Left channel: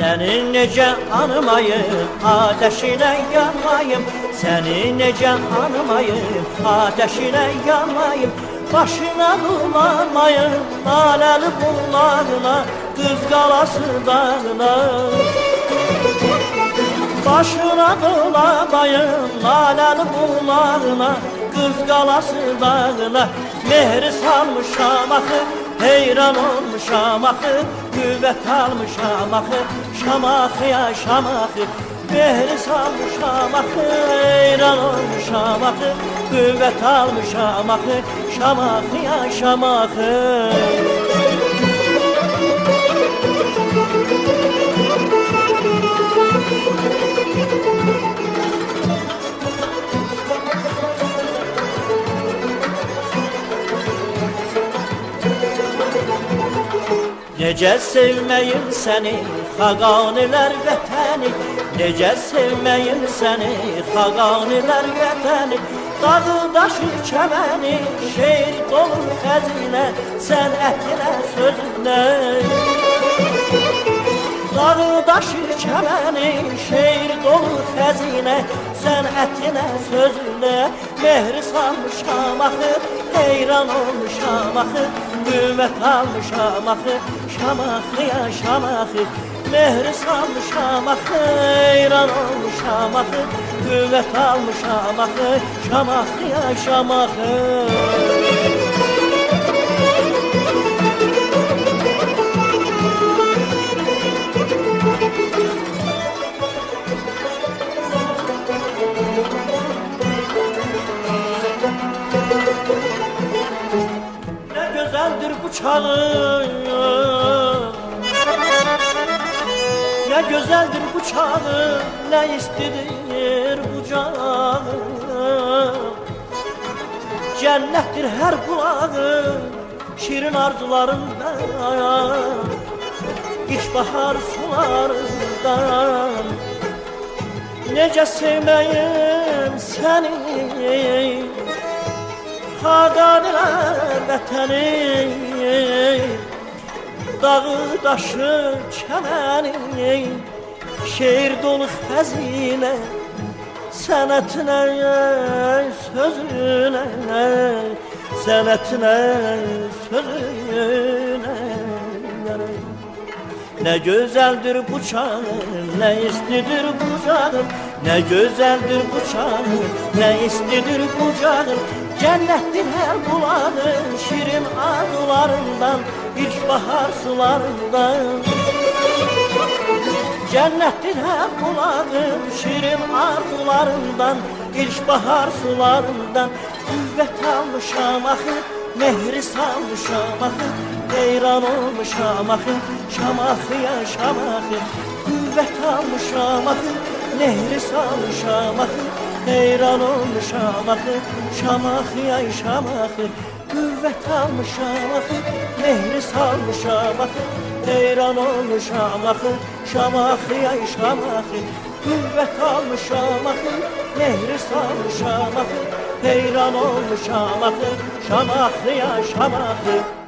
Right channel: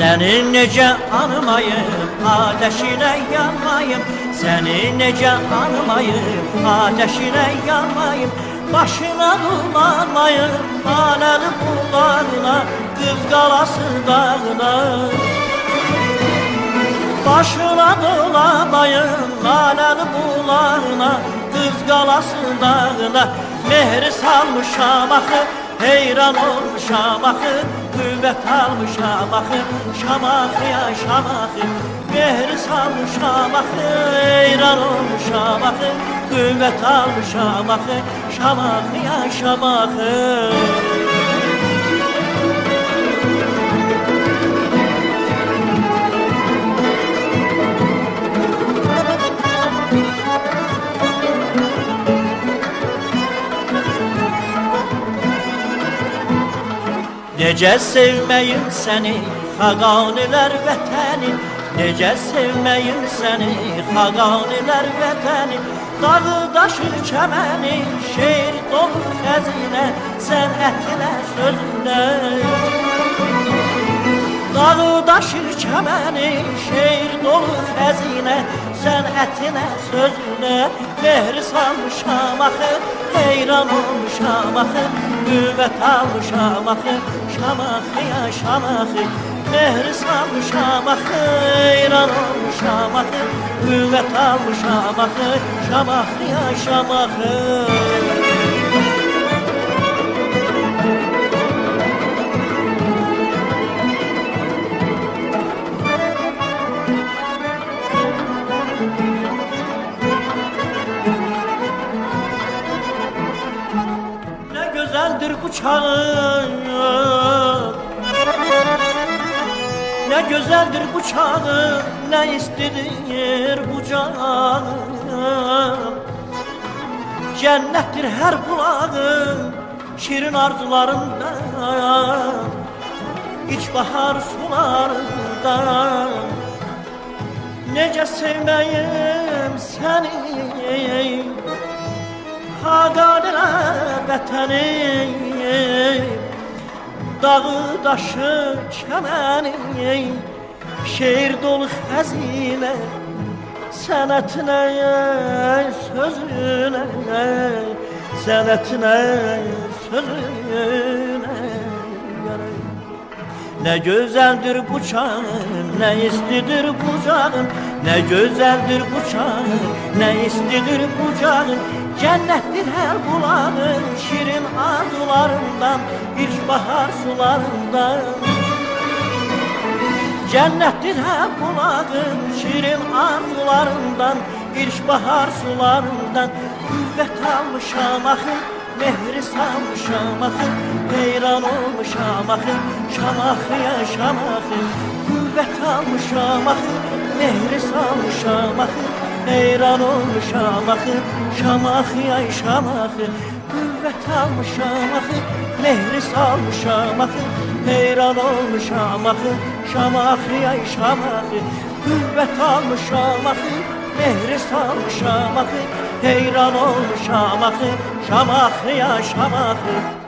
Seni nece anmayım ateşine yanmayım. Seni nece anmayım ateşine yanmayım. Başına dolanmayım Laleli bullarına Kız galası dağına. Başına dolamayın laleli bularına Kız galası dağına. Mehri salmış şamakı Heyran olmuş şamakı Müvet almış şamakı Şamakı ya şamakı Mehri salmış şamakı Heyran olmuş şamakı Müvet almış şamakı Şamakı ya şamakı Necə sevməyim səni, xaqanilər vətəni? Necə sevməyim səni, xaqanilər vətəni? Dağı daşı kəməni, şeir dolu xəzinə Sən ətirə sözündə daşı çəməni Şeir dolu xəzinə Sənətinə sözünə Mehri salmışam axı Heyran olmuşam axı Qüvvət almışam axı Şamaxı ya şamaxı Mehri salmışam axı Heyran olmuşam axı Qüvvət almışam axı Şamaxı ya şamaxı güzeldir bu çağın Ne güzeldir bu çağın Ne istedir bu canım? Cennettir her kulağın Şirin arzularında İlkbahar sularından. Nece sevmeyim seni Haganiler vətəni Dağı, daşı, çəməni Şeir dolu xəzinə Sənətinə, sözünə Sənətinə, sözünə. Ne güzeldir bu çağın, ne istidir bu canım Ne güzeldir bu çağın, ne istidir bu canım Cənnətdir hər bulanı şirin arzularından, ilk bahar sularından. Cənnətdir hər bulanı şirin arzularından, ilk bahar sularından. Qüvvət almışam axı, mehri salmışam axı, heyran olmuşam axı, şam axı, yaşam axı. Qüvvət almışam axı, mehri salmışam axı, Heyran olmuşam axı Şamaxı ya şamaxı Kuvvet almışam axı Mehri salmışam axı Heyran olmuşam axı Şamaxı ya şamaxı Kuvvet almışam axı Mehri salmışam axı Heyran olmuşam axı Şamaxı ya şamaxı